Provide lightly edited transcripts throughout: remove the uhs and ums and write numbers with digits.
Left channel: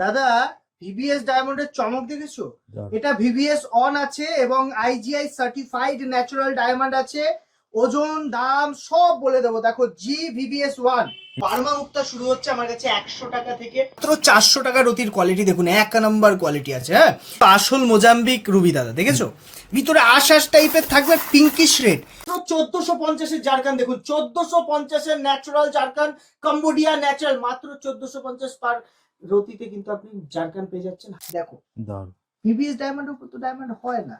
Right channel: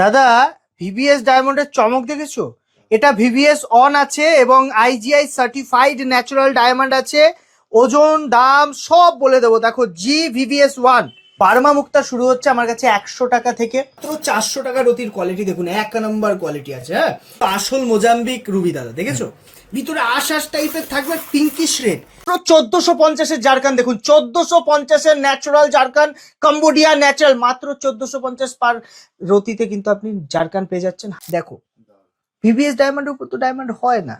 দাদা, ভিভিএস ডায়মন্ডের চমক দেখেছো? এটা ভিভিএস অন আছে এবং আইজিআই সার্টিফাইড ন্যাচারাল ডায়মন্ড আছে। ওজন দাম সব বলে দেবো। দেখো, জি ভিভিএস ওয়ান বার্মা মুক্তা শুরু হচ্ছে আমার কাছে 100 টাকা থেকে। মাত্র 400 টাকা রতির কোয়ালিটি দেখুন, 1 নম্বর কোয়ালিটি আছে। হ্যাঁ, আসল মোজাম্বিক রুবি দাদা, দেখেছো? ভিতরে আশ টাইপের থাকবে, পিঙ্কিশ রেড। 1450-এর জারকান দেখুন, 1450-এর ন্যাচারাল জারকান, কম্বোডিয়া ন্যাচারাল, মাত্র 1450 পার রতিতে কিন্তু আপনি জারকান পেয়ে যাচ্ছেন। দেখো, ভিভিএস ডায়মন্ডের উপর তো ডায়মন্ড হয় না,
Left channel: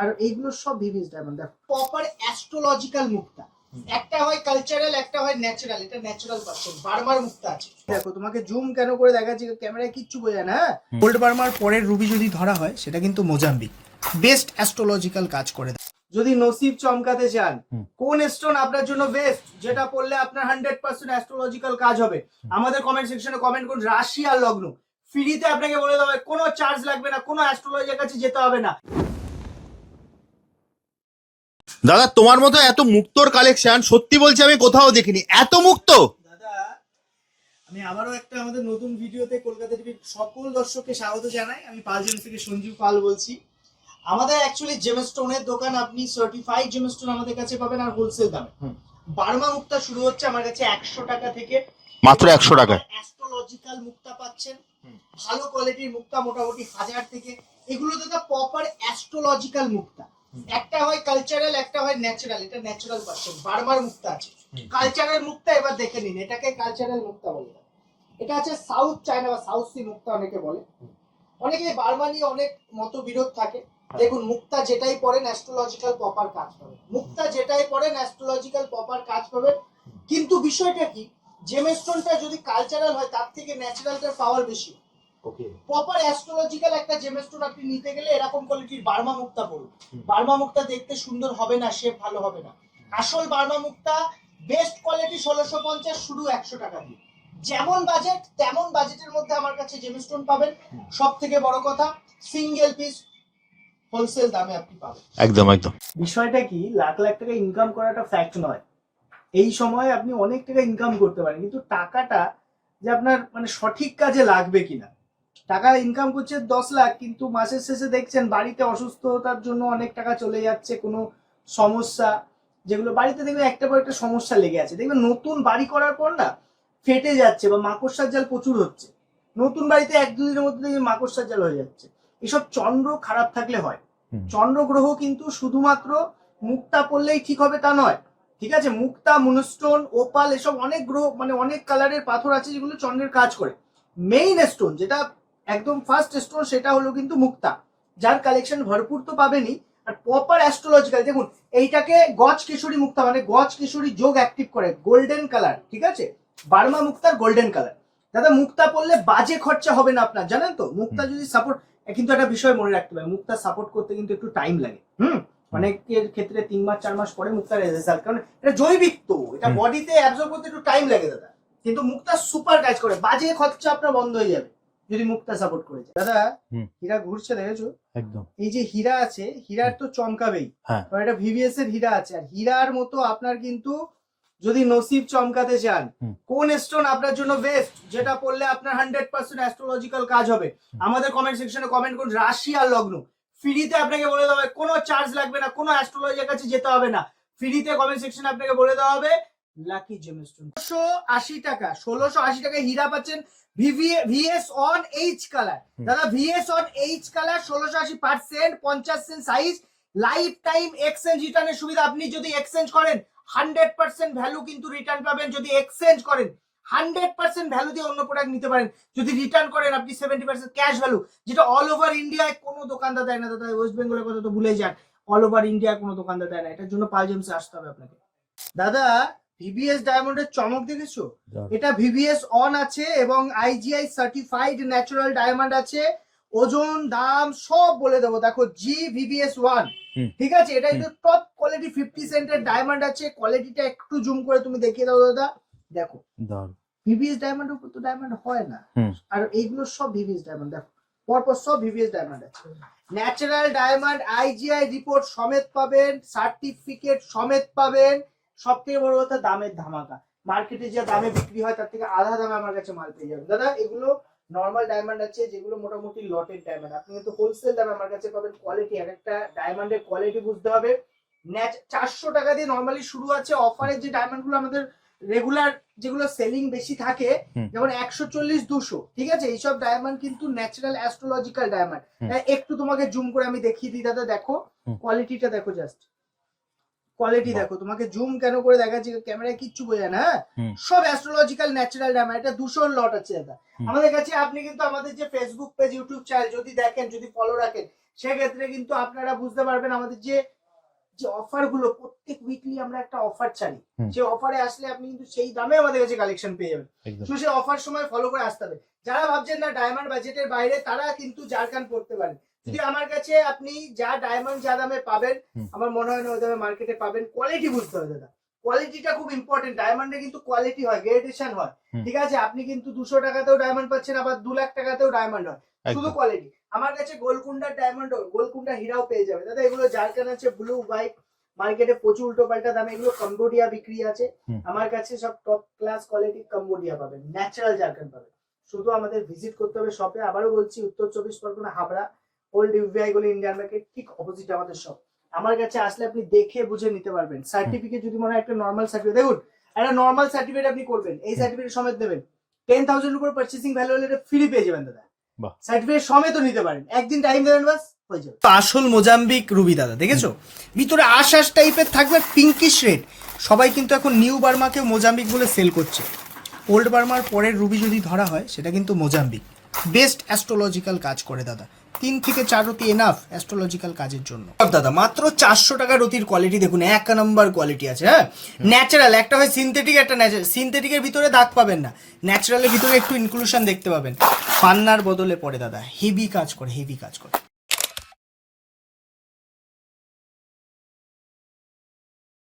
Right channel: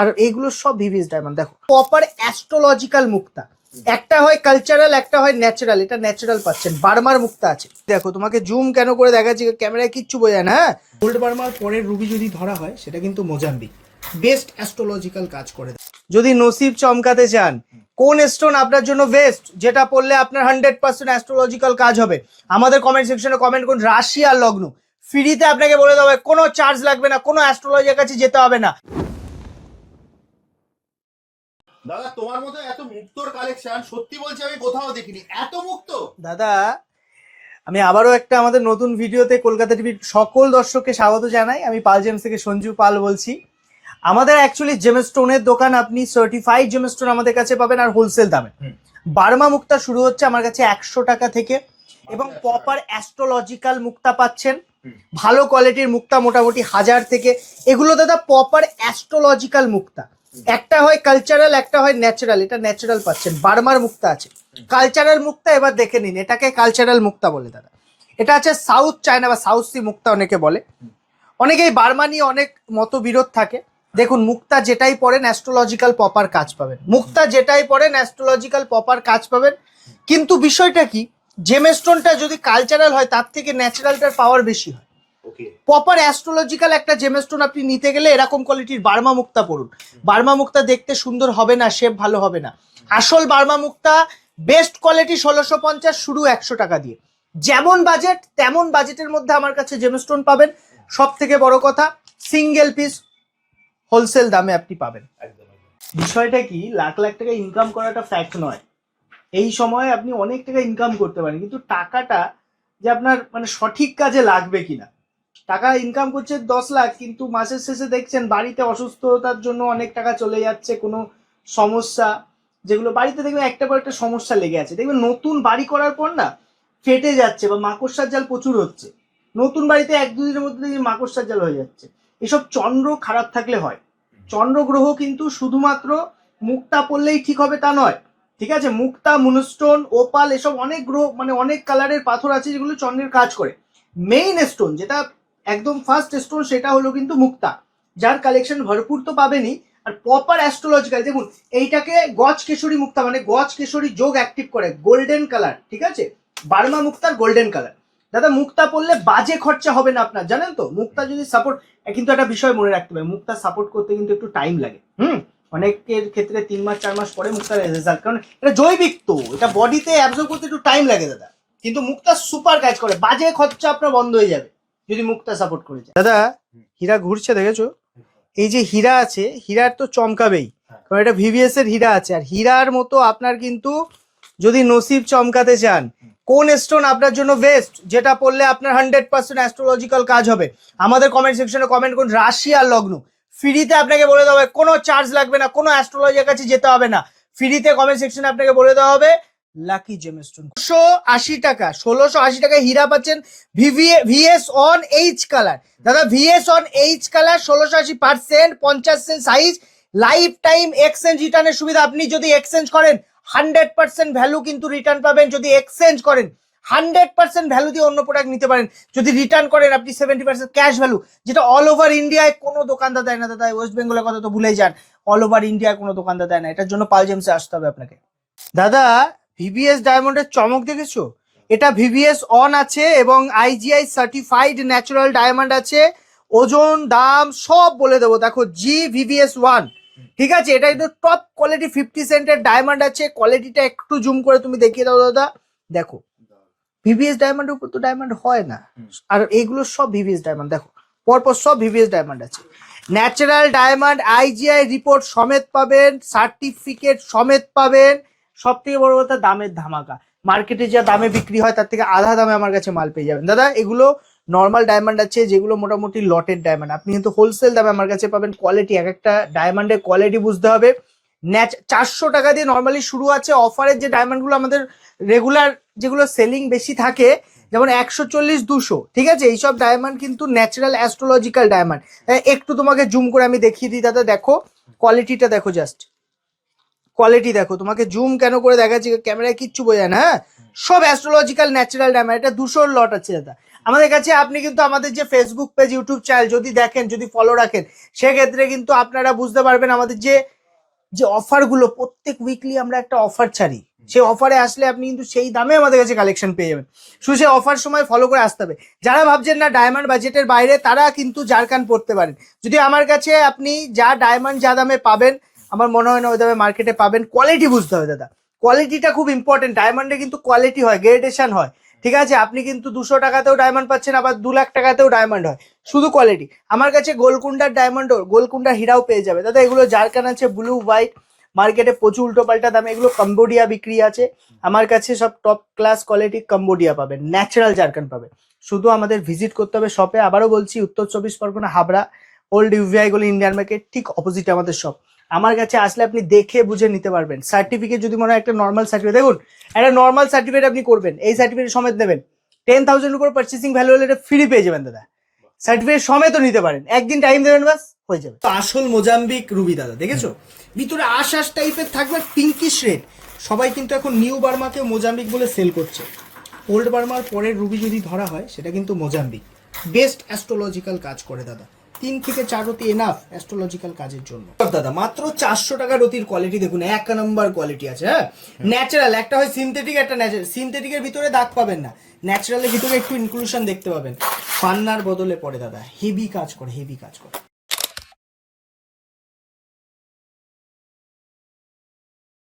আর এগুলো সব ভিভিএস ডায়মন্ড। দেখো, প্রপার অ্যাস্ট্রোলজিক্যাল মুক্তা, একটা হয় কালচারাল, একটা হয় ন্যাচারাল। এটা ন্যাচারাল পাচ্ছেন, বার্মার মুক্তা আছে। দেখো, তোমাকে জুম কেন করে দেখাচ্ছি, ক্যামেরায় কিচ্ছু বোঝা যায় না। হ্যাঁ, গোল্ড বার্মার পরের রুবি যদি ধরা হয়, সেটা কিন্তু মোজাম্বিক। বেস্ট অ্যাস্ট্রোলজিক্যাল কাজ করে। যদি নসিব চমকাতে চান, কোন স্টোন আপনার জন্য বেস্ট, যেটা পড়লে আপনার 100% অ্যাস্ট্রোলজিক্যাল কাজ হবে, আমাদের কমেন্ট সেকশনে কমেন্ট করুন। রাশি আর লগ্ন ফ্রিতে আপনাকে বলে দেওয়া হবে, কোনো চার্জ লাগবে না, কোনো অ্যাস্ট্রোলজার কাছে যেতে হবে না। দাদা, তোমার মতো এত মুক্তোর কালেকশন সত্যি বলছি আমি কোথাও দেখিনি। এত মুক্ত দাদা, আমি আবারও একটা আমাদের নতুন ভিডিওতে কলকাতা টিভির সকল দর্শককে স্বাগত জানাই। আমি পাল জেমস থেকে সঞ্জু পাল বলছি। আমাদের অ্যাকচুয়ালি জেমস্টোনের দোকান, আপনি সার্টিফাইড জেমস্টোন আমাদের কাছে পাবেন, আর হোলসেল দামে। বার্মা মুক্তা শুরু হচ্ছে আমার কাছে 100 টাকা থেকে, মাত্র 100 টাকা। অ্যাস্ট্রোলজিক্যাল মুক্তা পাচ্ছেন, ভালো কোয়ালিটির মুক্তা মোটামুটি 1000 থেকে। এগুলো দাদা প্রপার অ্যাস্ট্রোলজিক্যাল মুক্তা, একটা হয় কালচারাল, একটা হয় ন্যাচারাল। এটা ন্যাচারাল পাচ্ছেন, বার্মার মুক্তা আছে। কালচারাল মুক্তা এবার দেখে নিন, এটাকে কালচারাল মুক্তা বলে দাদা। এটা আছে সাউথ চায়না বা সাউথ সি মুক্তা অনেকে বলে। অনেকেই বার্মা নিয়ে অনেক মতবিরোধ থাকে। দেখুন, মুক্তা যেটাই পড়েন অ্যাস্ট্রোলজিক্যাল প্রপার কাজ পাবেন, মুক্তা যেটাই পড়েন অ্যাস্ট্রোলজিক্যাল প্রপার কাজ পাবেন। কিন্তু বিষয়টা কি, জেমস্টোনটা যদি কালচারাল হয়, তার থেকে ন্যাচারালটার পাওয়ার বেশি হয়। প্রপার অ্যাস্ট্রোলজিক্যাল একটা জেমস্টোন আপনি নিতে গেলে এরকম কোয়ালিটির বার্মা মুক্তা পড়ুন। বার্মা মুক্তা দেখতে সুন্দর হবে না, শেপ ভালো হবে না। আসল বার্মা মুক্তা বেস্ট কোয়ালিটি 1650 শুরু 100 টাকা দিয়ে। যেমন বাজেট তেমন বাজেটের মধ্যে আমার কাছে জেমস্টোন পাবেন। সব থেকে বড় কথা, সিঙ্গেল পিস হোলসেল দামে আপনি পাবেন। একদম একদম। বিষয়টা কি, লাখ লাখ টাকা ইনকাম করাটা ফ্যাক্ট নয়। এই সময় আপনি অনেক টাকা ইনকাম করতে পারেন, কিন্তু টাকাটা যে আপনার মানে সঠিক কাজে লাগবে কিনা। টাকা ইনকাম করছে 10 লাখ, কিন্তু মাসের শেষে দেখছেন বাড়িতে অসুস্থতার জন্য অনেক টাকা চলে যাচ্ছে, কোনো সমস্যা, যেগুলো বাড়িতে দেখবেন একটা পর একটা সমস্যা লেগে আছে। দেখবেন নতুন বাড়ি করার পর না ফেটে যাচ্ছে বা মাকড়সার জাল প্রচুর হচ্ছে। নতুন বাড়িতে 1-2 দিনের মধ্যে মাকড়সার জাল হয়ে যাচ্ছে। এসব চন্দ্র খারাপ থাকলে হয়। চন্দ্র গ্রহ কিন্তু শুধুমাত্র মুক্তা পড়লেই ঠিক হবে তা নয়, ঠিক আছে? মুক্তা, মুনস্টোন, ওপাল, এসব অনেক গ্রহ মানে অনেক কালারের পাথর আছে যেগুলো চন্দ্রের কাজ করে। মেইন স্টোন যেটা একদম ফার্স্ট স্টোন, সেটা হলো কিন্তু মুক্তা, যার কালেকশন ভরপুর তো পাবেনই। আর প্রপার অ্যাস্ট্রোলজিক্যাল দেখুন, এইটাকে গজ কেশরী মুক্তা মানে গজ কেশরী যোগ অ্যাক্টিভ করে, গোল্ডেন কালার, ঠিক আছে? বার্মা মুক্তার গোল্ডেন কালার। দাদা, মুক্তা পড়লে বাজে খরচা হবে না আপনার, জানেন তো? মুক্তা যদি সাপোর্ট, কিন্তু একটা বিষয় মনে রাখতে হবে, মুক্তা সাপোর্ট করতে কিন্তু একটু টাইম লাগে। অনেকের ক্ষেত্রে 3 মাস 4 মাস পরে মুক্তার রেজাল্ট, কারণ এটা জৈবিক, তো এটা বডিতে অ্যাবজর্ব করতে একটু টাইম লাগে দাদা। কিন্তু মুক্তা সুপার কাজ করে, বাজে খরচা আপনার বন্ধ হয়ে যাবে যদি মুক্তা সাপোর্ট করে যায়। দাদা, হীরা ঘুরছে দেখেছো? একদম। এই যে হীরা আছে, হীরার তো চমকাবেই, কারণ এটা ভিভিএস এর হীরা আছে। আর হীরার মতো আপনার কিন্তু যদি নসিব চমকাতে চান, কোন স্টোন আপনার জন্য বেস্ট, যেটা পড়লে আপনার 100% অ্যাস্ট্রোলজিক্যাল কাজ হবে, আমাদের কমেন্ট সেকশনে কমেন্ট করুন। রাশি আর লগ্ন ফ্রিতে আপনাকে বলে দেওয়া হবে, কোনো চার্জ লাগবে না, কোনো অ্যাস্ট্রোলজার কাছে যেতে হবে না। ফ্রিতে কমেন্ট সেকশনে আপনাকে বলে দেওয়া হবে লাকি জেমস্টোন। 1680 টাকা, 1680 টাকায় হীরা পাচ্ছেন। ভিএস অন এইচ কালার দাদা, VS on H colour 1680%, 50 cent size, lifetime exchange রিটার্নের সুবিধা। আপনি যদি এক্সচেঞ্জ করেন 100% ভ্যালু কিন্তু রিটার্ন পাবেন। যদি এক্সচেঞ্জ করেন 100% ভ্যালু দিয়ে অন্য প্রোডাক্ট নিতে পারেন। যদি রিটার্ন করেন আপনি 70% ক্যাশ ভ্যালু, যেটা অল ওভার ইন্ডিয়ায় কোনো দোকানদার দেয় না দাদা। ওয়েস্ট বেঙ্গলের কথা তো ভুলেই যান, অল ওভার ইন্ডিয়ায় কোনো দোকানদার দেয় না। এটার জন্য পাল জেমসে আসতে হবে আপনাকে। দাদা, ভিভিএস ডায়মন্ডের চমক দেখেছো? এটা ভিভিএস অন আছে এবং আইজিআই সার্টিফাইড ন্যাচারাল ডায়মন্ড আছে। ওজন দাম সব বলে দেবো। দেখো, জি ভিভিএস ওয়ান, ঠিক আছে? এটা কিন্তু টপ কোয়ালিটি 50 সেন্টের ডায়মন্ড আছে। কোয়ালিটিটা একটু জুম করে তুমি দেখিয়ে দাও দাদা। দেখো, ভিভিএস ডায়মন্ডের উপর তো ডায়মন্ড হয় না, আর এইগুলো সব ভিভিএস ডায়মন্ড। দেখো, পরপর সব ভিভিএস ডায়মন্ড আছে। ন্যাচারাল ডায়মন্ড, আইজিআই রিপোর্ট সমেত পাবেন, সার্টিফিকেট সমেত পাবেন। সব থেকে বড় কথা, দামের ধামাকা। মার্কেটে যা দামে বিক্রি হয় তার থেকে আধা দামে আমার কাছে মাল পেয়ে যাবেন দাদা। এগুলো নর্মাল ডায়মন্ড আছে যেগুলো মোটামুটি লটের ডায়মন্ড, আপনি কিন্তু হোলসেল দামে আমার কাছে পাবেন। কোয়ালিটি, এক একটা ডায়মন্ডের কোয়ালিটি বুঝতে হবে। 400 টাকা দিয়ে নর্মালি শুরু আছে। অফারের যে ডায়মন্ডগুলো আমাদের রেগুলার যেগুলো সেলিং বেশি থাকে, যেমন 140-200, ঠিক আছে, এইসব ডায়মন্ড কিন্তু ন্যাচারাল অ্যাস্ট্রোলজিক্যাল ডায়মন্ড। একটু তোমাকে জুম করে আমি দেখিয়ে দিই দাদা, দেখো কোয়ালিটিটা দেখো, জাস্ট কোয়ালিটি দেখো। তোমাকে জুম কেন করে দেখাচ্ছি, ক্যামেরায় কিচ্ছু বোঝায় না। হ্যাঁ, সব অ্যাস্ট্রোলজিক্যাল ন্যাচারাল ডায়মন্ড। এটা 200 লট আছে দাদা আমাদের কাছে। আপনি কিন্তু আমাদের যে ফেসবুক পেজ, ইউটিউব চ্যানেল যদি দেখেন, যদি ফলো রাখেন, সেক্ষেত্রে কিন্তু আপনারা বুঝতে পারবেন আমাদের যে অফার গুলো, প্রত্যেক উইকলি আমরা একটা অফার ছাড়ি। সেই অফারে আসলে আপনি কিন্তু সেই দামে আমাদের কাছে কালেকশন পেয়ে যাবেন। শুধু সেই অফার সময় ফলো করে আসতে হবে। যারা ভাবছেন না ডায়মন্ড বাজেটের বাইরে, তারা কিন্তু জারকান পড়তে পারেন। যদি আমার কাছে আপনি যা ডায়মন্ড যা দামে পাবেন, আমার মনে হয় না ওই দামে মার্কেটে পাবেন। কোয়ালিটি বুঝতে হবে দাদা, কোয়ালিটিটা খুব ইম্পর্টেন্ট। ডায়মন্ডে কিন্তু কোয়ালিটি হয়, গ্রেডেশন হয়, ঠিক আছে। আপনি কিন্তু 200 টাকাতেও ডায়মন্ড পাচ্ছেন, আবার 2 লাখ টাকাতেও ডায়মন্ড হয়, শুধু কোয়ালিটি। আমার কাছে গোলকুন্ডার ডায়মন্ড, গোলকুন্ডার হীরাও পেয়ে যাবে দাদা। এগুলো জারকান আছে, ব্লু হোয়াইট, মার্কেটে প্রচুর উল্টো পাল্টা দামে। এগুলো কম্বোডিয়া বিক্রি আছে, আমার কাছে সব টপ ক্লাস কোয়ালিটি কম্বোডিয়া পাবেন, ন্যাচারাল জারকান পাবেন। শুধু আমাদের ভিজিট করতে হবে শপে। আবারও বলছি, উত্তর 24 পরগনা, হাবড়া, ওল্ড ইউভিআই গলি, ইন্ডিয়ান মার্কেট ঠিক অপোজিটে আমাদের শপ। আমার কাছে আসলে আপনি দেখে বুঝে নিতে পারবেন। সার্টিফিকেট যদি মনে হয় একটা নর্মাল সার্টিফিকেট, দেখুন একটা নর্মাল সার্টিফিকেট আপনি করবেন, এই সার্টিফিকেট সমেত নেবেন, 10,000 উপর পার্চেসিং ভ্যালু হলে এটা ফ্রি পেয়ে যাবেন দাদা। সার্টিফিকেট সমেতও নিতে পারেন, একদিন টাইম দেবেন, বাস হয়ে যাবে। তো আসল মোজাম্বিক রুবি দাদা, দেখেছো ভিতরে আশ টাইপের থাকবে, পিঙ্কিশ রেড। সবাই কিন্তু এখন নিউ বার্মাকে মোজাম্বিক বলে সেল করছে। ওল্ড বার্মার পরের রুবি যদি ধরা হয়, সেটা কিন্তু মোজাম্বিক। বেস্ট অ্যাস্ট্রোলজিক্যাল কাজ করে দাদা, 3 থেকে 4 রতি এনাফ অ্যাস্ট্রোলজিক্যাল কাজের জন্য। দাদা মাত্র 400 টাকা রতির কোয়ালিটি দেখুন, 1 নম্বর কোয়ালিটি আছে। হ্যাঁ, ন্যাচারাল, একটা হয় সিনথেটিক, একটা ন্যাচারাল। সিনথেটিকের ভিতরে দাগ পাবেন না, ন্যাচারালের ভিতরে একটু ইনক্লুশন দেখতে পাবেন। পান্নার বদলে পড়ে দাদা, হেভি কাজ করে, হেভি কাজ করে।